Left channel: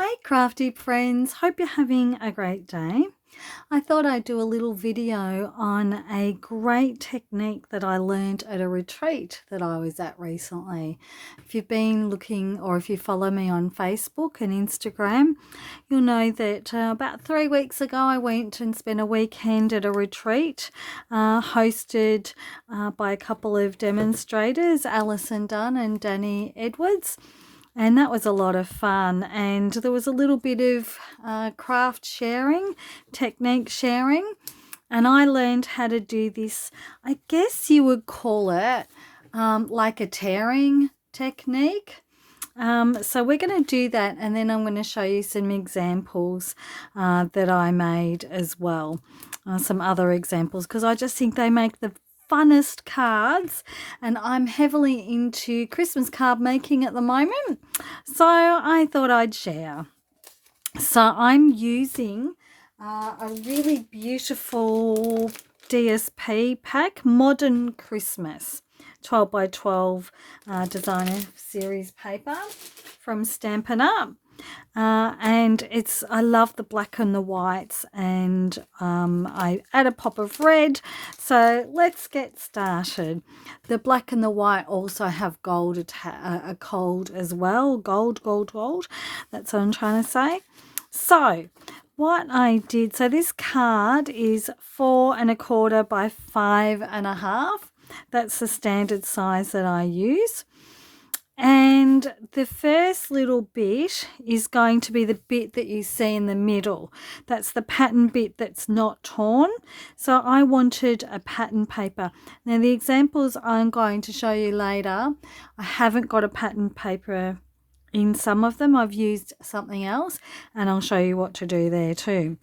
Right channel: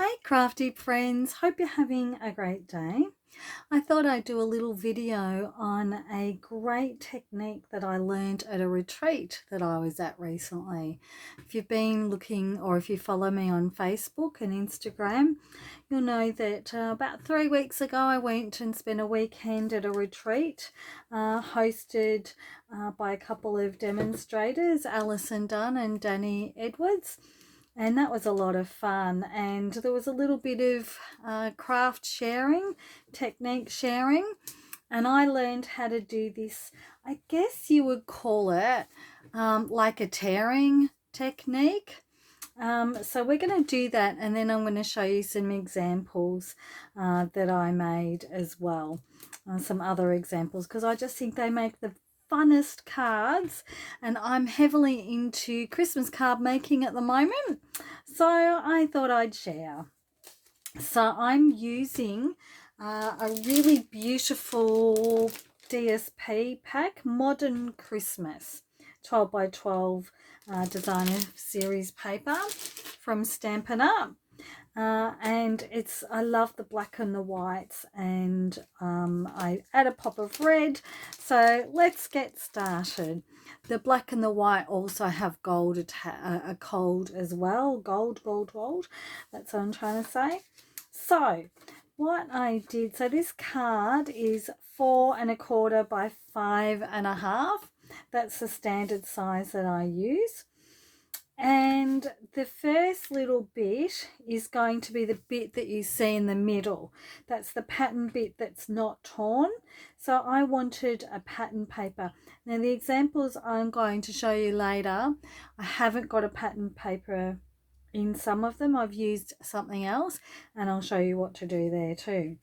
Hi crafty friends, hope you're having a great day. I thought I'd do a little video on a great technique that I learned at a retreat that I was at recently. If you've been looking or if you follow me on Facebook and Instagram, you'll know that about 3 weeks ago I went and spent a weekend at a retreat hosted by a couple of demonstrators, Alison Dunn and Danny Edwards. And that was a lot of fun, and there was a little bit of craft sharing, technique sharing, and I learned how to do this. I guess you would call it like a tearing technique. So we're going to do that, and then I'm going to show you some examples that I made as well, some other examples, because I just think they make the funnest cards, and I'm heavily into Christmas card making at the moment, so I thought I'd share. So I'm using a really beautiful DSP pack, Modern Christmas, 12 by 12 designer series paper from Stampin' Up. And I love the black and the whites, and I add a pop of red. So let's get started. The black and the white also have gold as well. Gold. That's what I'm trying to say. So what I did, so this card is 4 1/4 by 5 1/2. That's the standard size that I use. And the first little bit is going to be the bit that you see in the middle. That's the pattern bit that's not torn. So I wanted a pattern paper. Now the examples I'm going to show you later, I haven't got a pattern paper in some of them. I've used something else, and I'll show you what to do there too.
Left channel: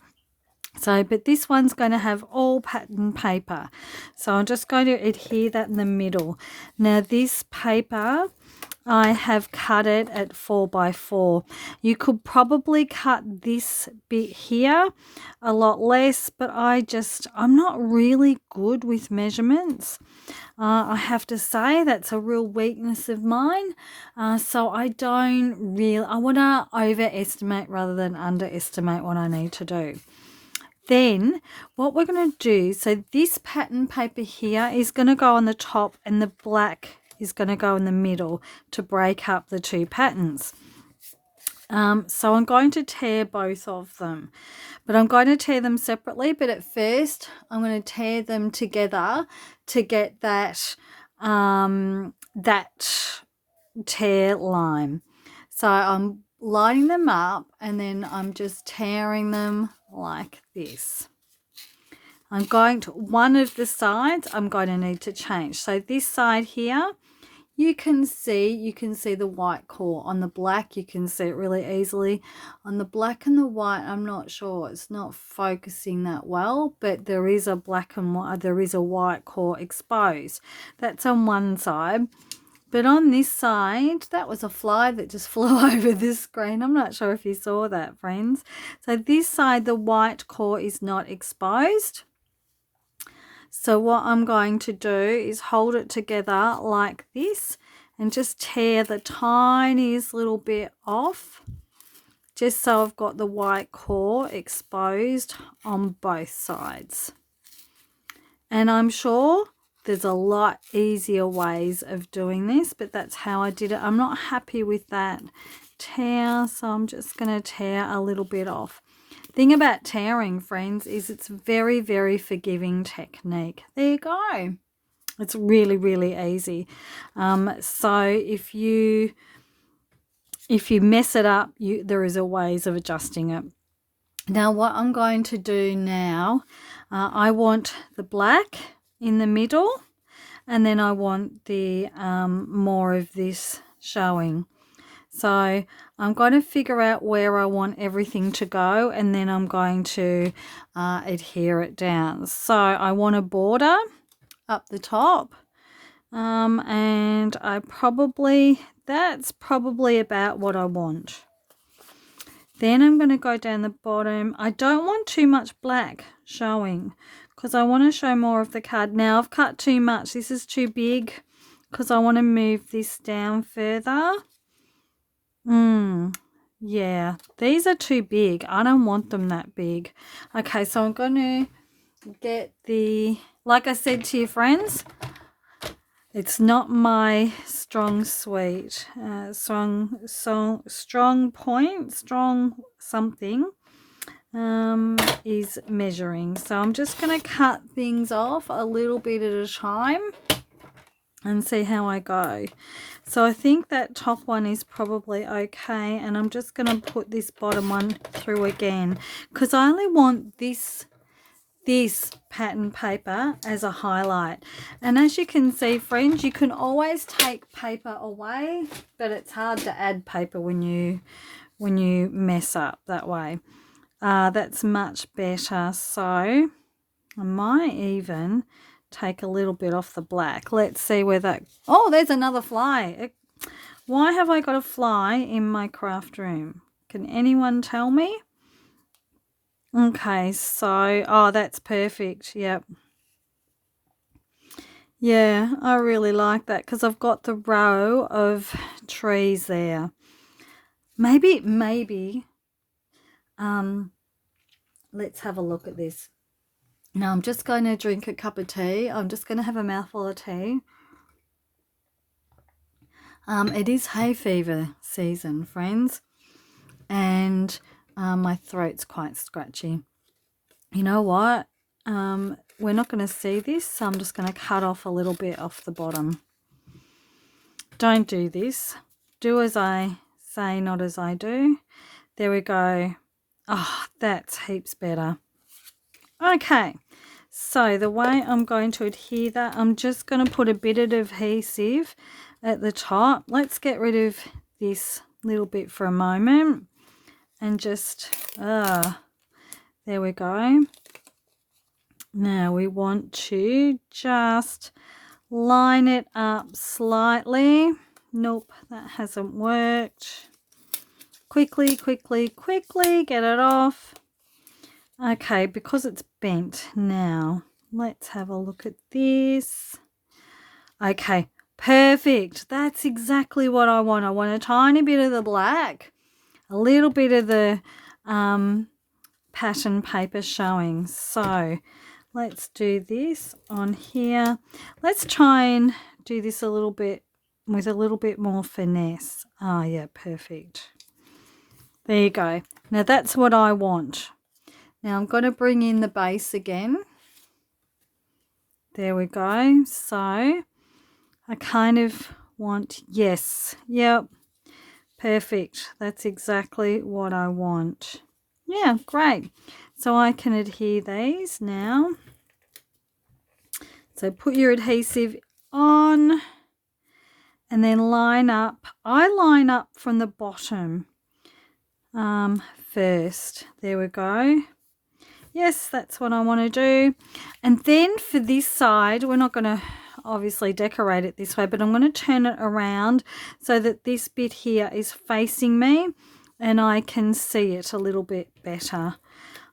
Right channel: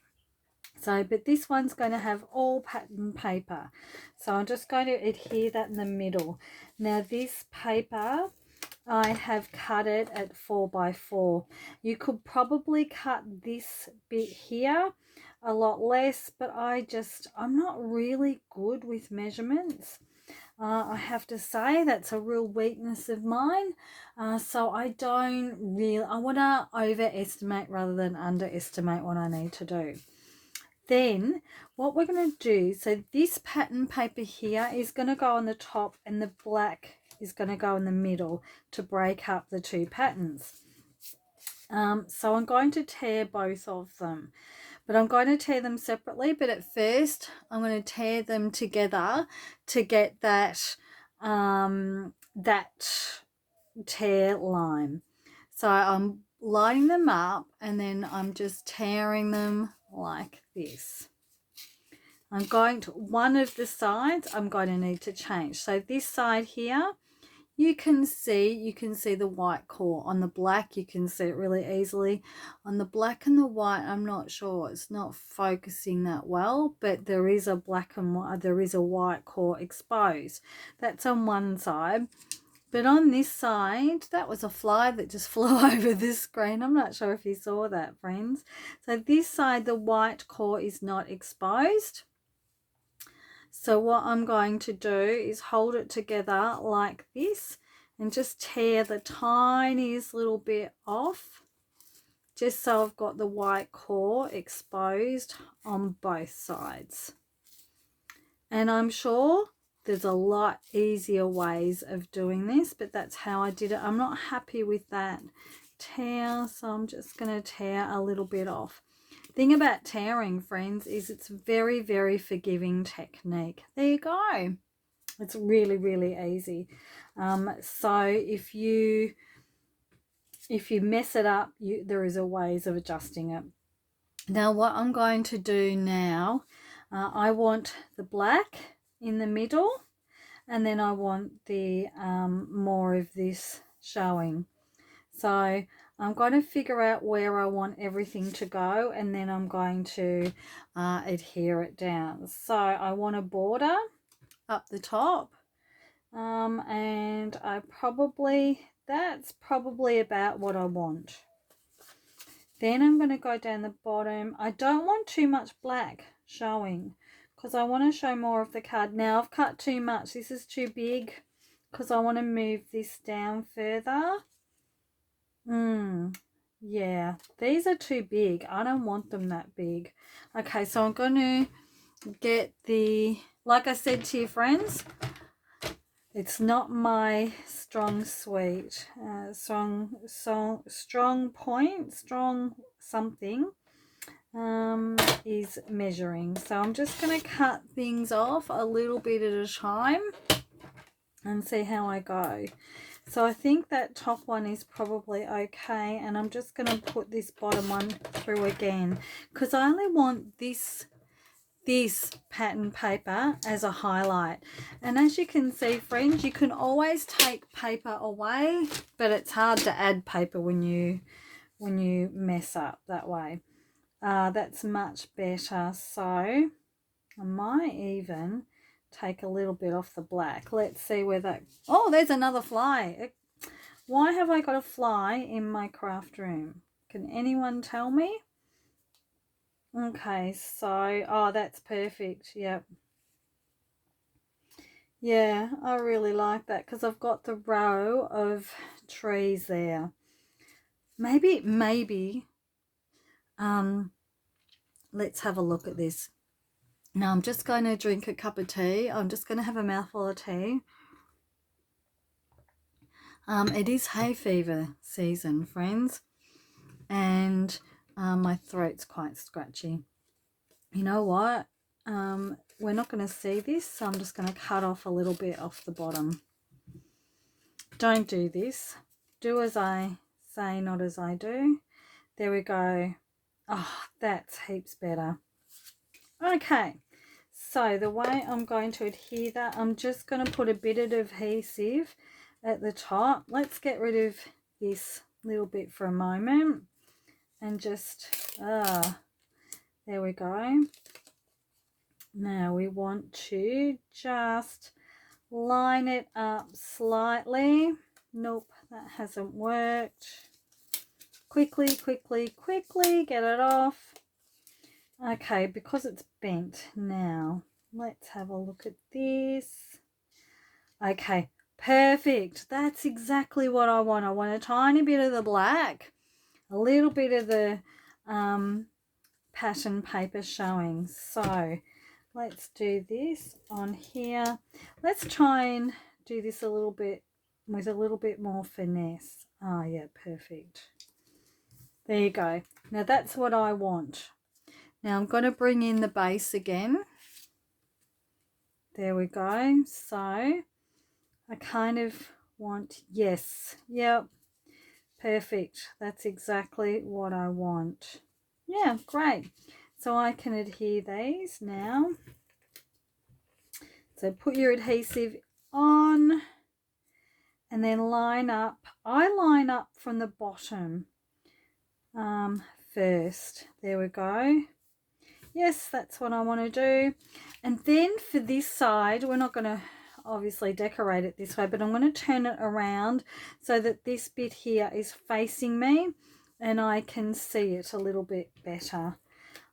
So, but this one's going to have all pattern paper. So I'm just going to adhere that in the middle. Now this paper, I have cut it at 4 by 4. You could probably cut this bit here a lot less, but I'm not really good with measurements. I have to say that's a real weakness of mine. So I want to overestimate rather than underestimate what I need to do. Then what we're going to do, so this pattern paper here is going to go on the top, and the black is going to go in the middle to break up the two patterns. So I'm going to tear both of them, but I'm going to tear them separately. But at first I'm going to tear them together to get that that tear line. So I'm lining them up, and then I'm just tearing them like this. I'm going to, one of the sides I'm going to need to change. So this side here, you can see the white core. On the black, you can see it really easily. On the black and the white, I'm not sure. It's not focusing that well, but there is a black and white, there is a white core exposed. That's on one side. But on this side, that was a fly that just flew over the screen. I'm not sure if you saw that, friends. So this side, the white core is not exposed. So what I'm going to do is hold it together like this and just tear the tiniest little bit off, just so I've got the white core exposed on both sides. And I'm sure there's a lot easier ways of doing this, but that's how I did it. I'm not happy with that tear, so I'm just going to tear a little bit off. Thing about tearing, friends, is it's very, very forgiving technique. There you go. It's really, really easy. So if you mess it up, there is a ways of adjusting it. Now what I'm going to do now, I want the black in the middle, and then I want the more of this showing. So I'm going to figure out where I want everything to go, and then I'm going to adhere it down. So I want a border up the top, and that's probably about what I want. Then I'm going to go down the bottom. I don't want too much black showing because I want to show more of the card. Now I've cut too much. This is too big because I want to move this down further. Yeah, these are too big. I don't want them that big. Okay, so I'm going to get the, like I said to you friends, it's not my strong suite, strong point, strong something is measuring. So I'm just going to cut things off a little bit at a time and see how I go. So I think that top one is probably okay, and I'm just going to put this bottom one through again because I only want this pattern paper as a highlight. And as you can see friends, you can always take paper away, but it's hard to add paper when you mess up that way. That's much better. So I might even take a little bit off the black. Let's see where that, oh, there's another fly. Why have I got a fly in my craft room? Can anyone tell me? Okay, so, oh, that's perfect. Yep. Yeah, I really like that because I've got the row of trees there. Maybe, let's have a look at this. Now I'm just going to drink a cup of tea. I'm just going to have a mouthful of tea. It is hay fever season, friends, and my throat's quite scratchy. You know what? We're not going to see this, so I'm just going to cut off a little bit off the bottom. Don't do this. Do as I say, not as I do. There we go. Oh, that's heaps better. Okay, so the way I'm going to adhere that, I'm just going to put a bit of adhesive at the top. Let's get rid of this little bit for a moment and just, there we go. Now we want to just line it up slightly. Nope, that hasn't worked. Quickly, get it off. Okay, because it's bent now, let's have a look at this. Okay, perfect. That's exactly what I want. I want a tiny bit of the black, a little bit of the pattern paper showing. So let's do this on here. Let's try and do this a little bit with a little bit more finesse. Oh yeah, perfect. There you go. Now that's what I want. Now I'm going to bring in the base again. There we go. So I kind of want, yes, yep, perfect. That's exactly what I want. Yeah, great. So I can adhere these now. So put your adhesive on and then line up. I line up from the bottom first. There we go. Yes, that's what I want to do. And then for this side, we're not going to obviously decorate it this way, but I'm going to turn it around so that this bit here is facing me and I can see it a little bit better.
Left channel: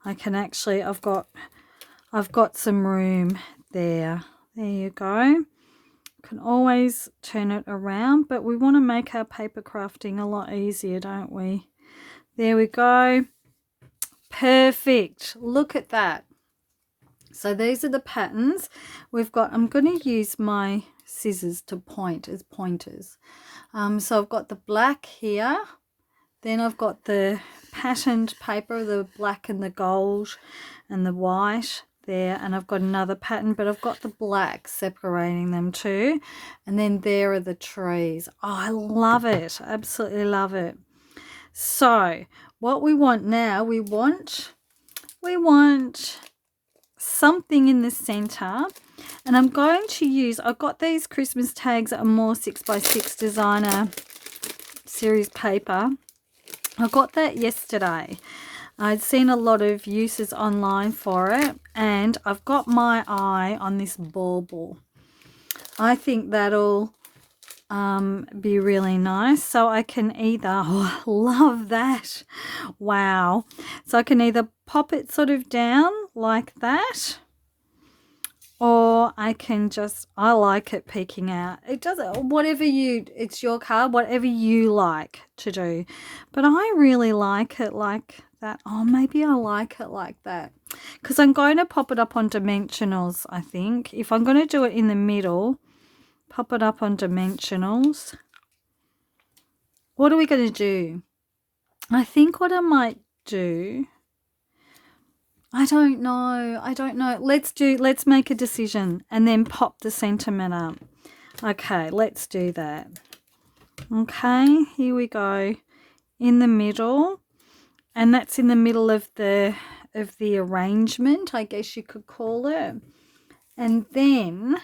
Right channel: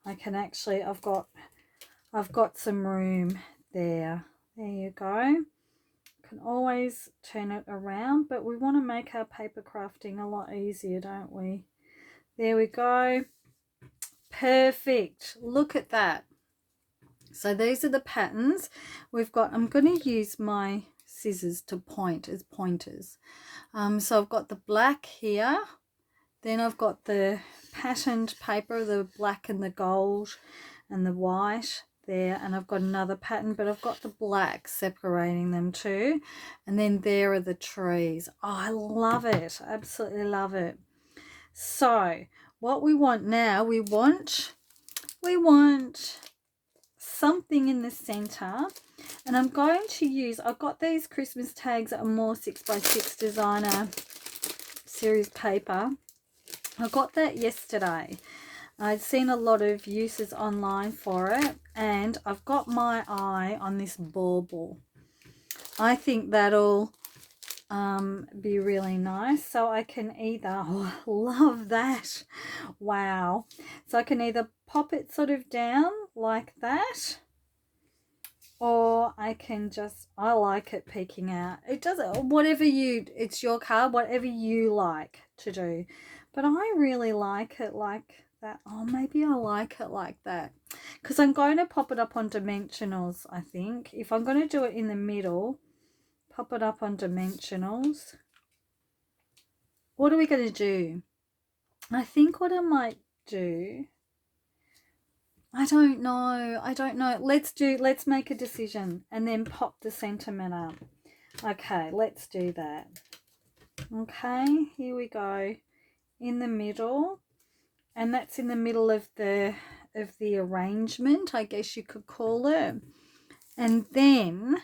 I can actually, I've got some room there. There you go. Can always turn it around, but we want to make our paper crafting a lot easier, don't we? There we go. Perfect. Look at that. So these are the patterns we've got. I'm going to use my scissors to point as pointers. So I've got the black here. Then I've got the patterned paper, the black and the gold and the white there. And I've got another pattern, but I've got the black separating them too. And then there are the trees. Oh, I love it. Absolutely love it. So what we want now, we want something in the center, and I'm going to use, I've got these Christmas tags that are more 6x6 designer series paper. I got that yesterday. I'd seen a lot of uses online for it, and I've got my eye on this bauble. I think that'll be really nice. So I can either, oh, I love that, wow, so I can either pop it sort of down like that, or I can just, I like it peeking out. It doesn't, whatever you, it's your card, whatever you like to do. But I really like it like that. Oh, maybe I like it like that because I'm going to pop it up on dimensionals, I think. If I'm going to do it in the middle, pop it up on dimensionals. What are we going to do? I think what I might do, I don't know. Let's make a decision and then pop the sentiment up. Okay, let's do that. Okay, here we go. In the middle, and that's in the middle of the arrangement, I guess you could call it. And then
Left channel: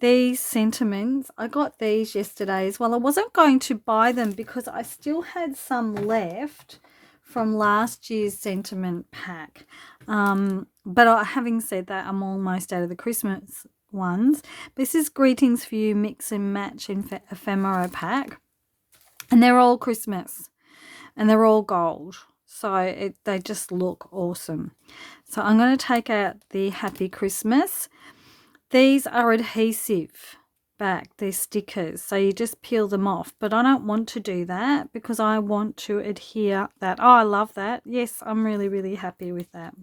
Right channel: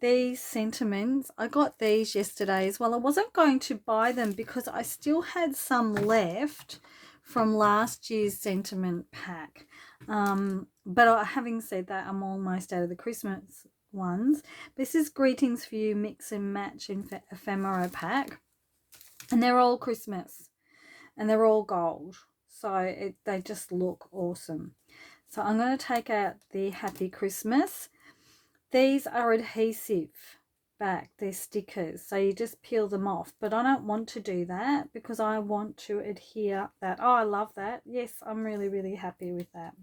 these sentiments, I got these yesterday as well. I wasn't going to buy them because I still had some left from last year's sentiment pack. But having said that, I'm almost out of the Christmas ones. This is Greetings for You Mix and Match in Ephemera pack. And they're all Christmas. And they're all gold. So they just look awesome. So I'm going to take out the Happy Christmas. These are adhesive back. They're stickers. So you just peel them off. But I don't want to do that because I want to adhere that. Oh, I love that. Yes, I'm really, really happy with that.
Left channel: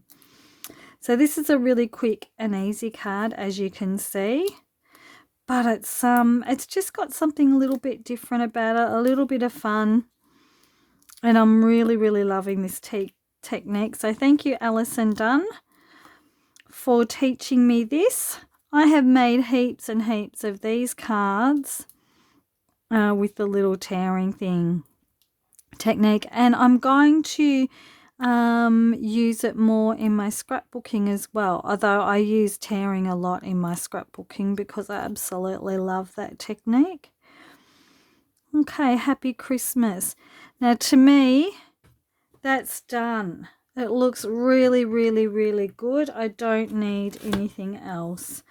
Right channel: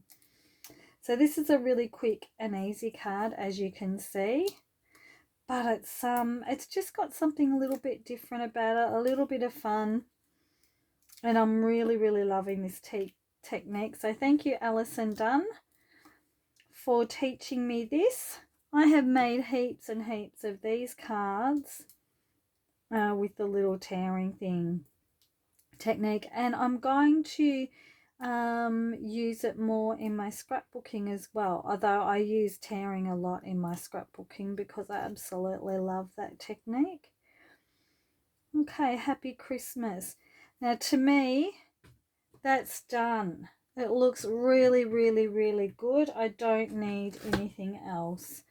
So this is a really quick and easy card, as you can see. But it's just got something a little bit different about it, a little bit of fun. And I'm really, really loving this technique. So thank you, Alison Dunn, for teaching me this. I have made heaps and heaps of these cards with the little tearing thing technique. And I'm going to use it more in my scrapbooking as well. Although I use tearing a lot in my scrapbooking because I absolutely love that technique. Okay, Happy Christmas. Now to me, that's done. It looks really, really, really good. I don't need anything else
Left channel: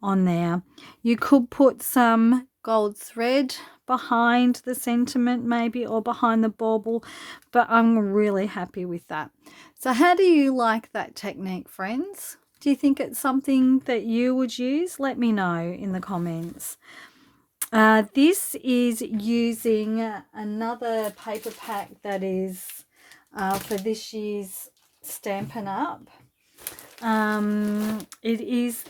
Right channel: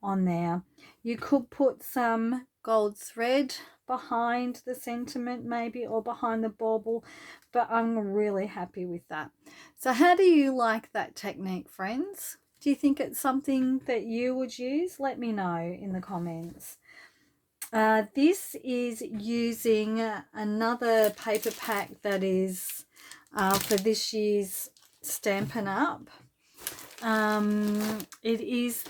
on there. You could put some gold thread behind the sentiment maybe, or behind the bauble, but I'm really happy with that. So how do you like that technique, friends? Do you think it's something that you would use? Let me know in the comments. This is using another paper pack that is for this year's Stampin' Up. It is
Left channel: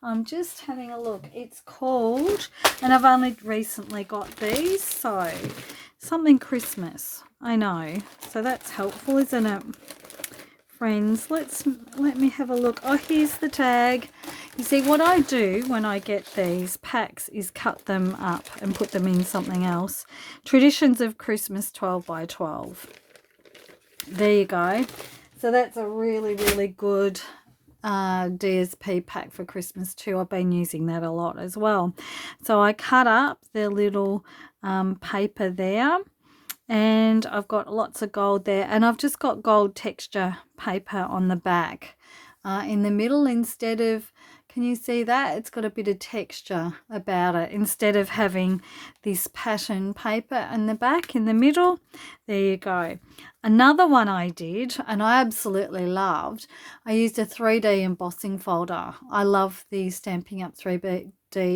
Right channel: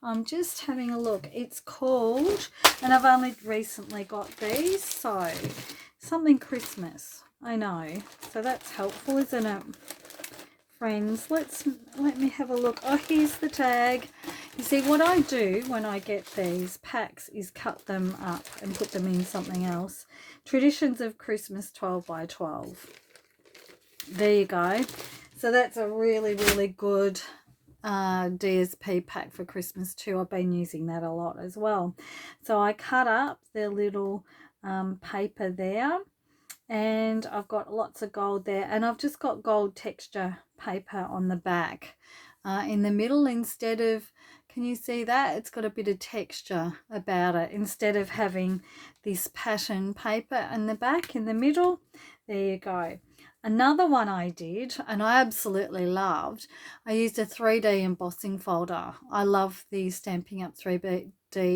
I'm just having a look. It's called, and I've only recently got these, so something Christmas. I know. So that's helpful, isn't it? Friends, let me have a look. Oh, here's the tag. You see, what I do when I get these packs is cut them up and put them in something else. Traditions of Christmas 12 by 12. There you go. So that's a really, really good DSP pack for Christmas too. I've been using that a lot as well. So I cut up the little paper there, and I've got lots of gold there, and I've just got gold texture paper on the back in the middle instead of, can you see that? It's got a bit of texture about it instead of having this pattern paper in the back in the middle. There you go. Another one I did, and I absolutely loved, I used a 3D embossing folder. I love the Stampin' Up 3D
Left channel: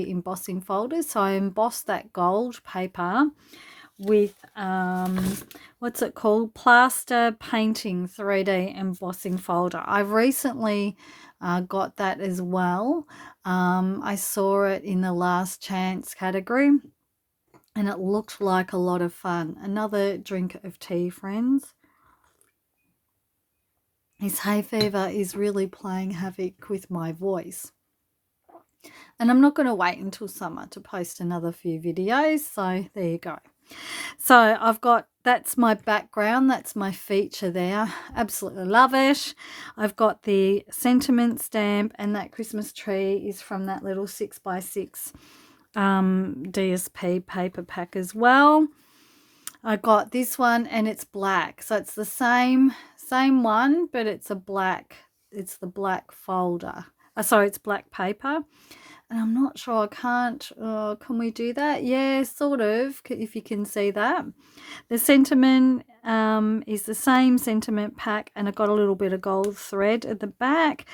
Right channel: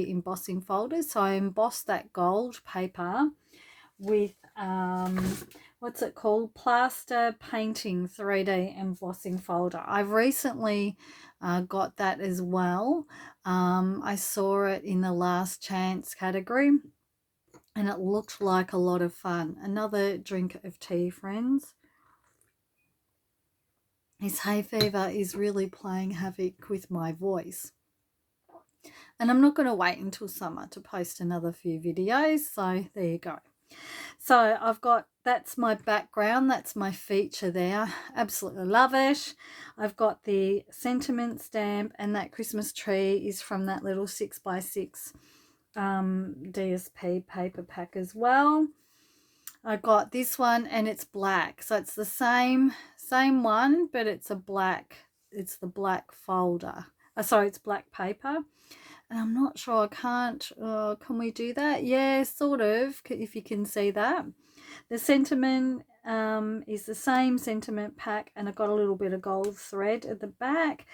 embossing folders. So I embossed that gold paper with, what's it called? Plaster Painting 3D embossing folder. I've recently got that as well. I saw it in the last chance category, and it looked like a lot of fun. Another drink of tea, friends. This hay fever is really playing havoc with my voice. And I'm not going to wait until summer to post another few videos. So there you go. So I've got, that's my background. That's my feature there. Absolutely love it. I've got the sentiment stamp, and that Christmas tree is from that little 6x6 DSP paper pack as well. I got this one, and it's black, so it's the same one, but it's a black, it's the black folder. Sorry, it's black paper, and I'm not sure, I can't, can we do that? Yeah, sort of, if you can see that. The sentiment is the same sentiment pack, and I got a little bit of gold thread at the back.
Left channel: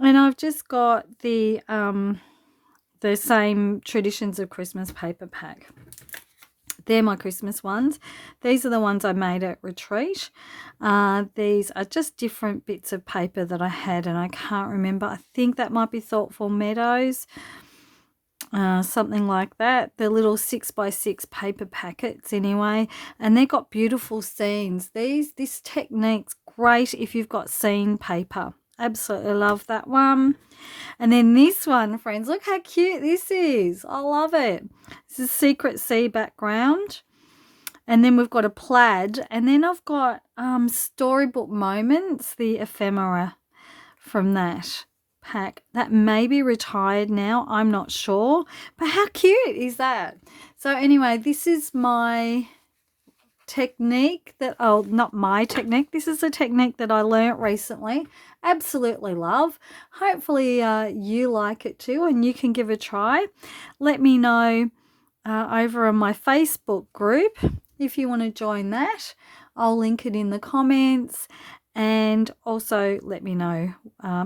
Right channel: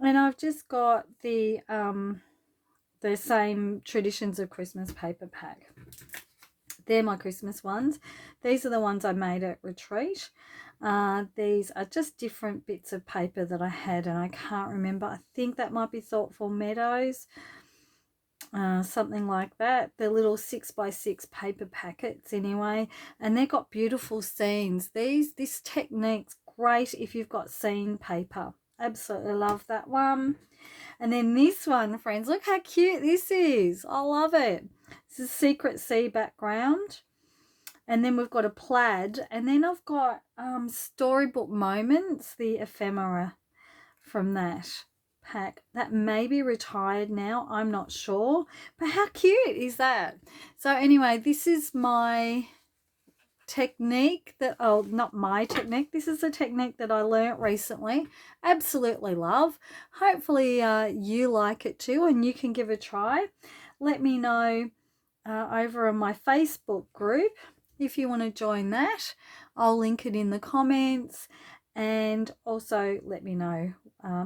And I've just got the same Traditions of Christmas paper pack. They're my Christmas ones. These are the ones I made at retreat. These are just different bits of paper that I had, and I can't remember. I think that might be Thoughtful Meadows, something like that. They're little 6x6 paper packets anyway, and they've got beautiful scenes. This technique's great if you've got scene paper. Absolutely love that one. And then this one, friends, look how cute this is. I love it. This is Secret Sea background. And then we've got a plaid. And then I've got Storybook Moments, the ephemera from that pack. That may be retired now. I'm not sure. But how cute is that? So anyway, this is my technique that, oh, not my technique, this is a technique that I learnt recently. Absolutely love. Hopefully you like it too, and you can give a try. Let me know over on my Facebook group if you want to join that. I'll link it in the comments, and also let me know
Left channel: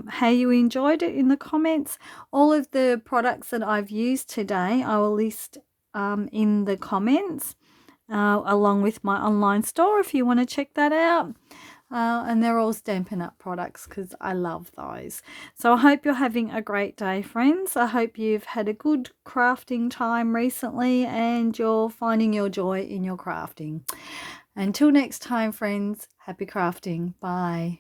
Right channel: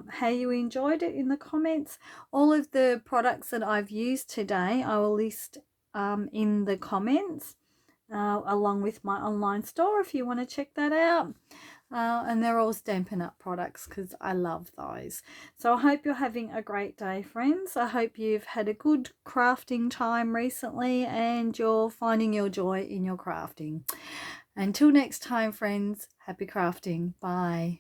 how you enjoyed it in the comments. All of the products that I've used today I will list in the comments, along with my online store if you want to check that out. And they're all Stampin' Up products because I love those. So I hope you're having a great day, friends. I hope you've had a good crafting time recently and you're finding your joy in your crafting. Until next time, friends, happy crafting. Bye.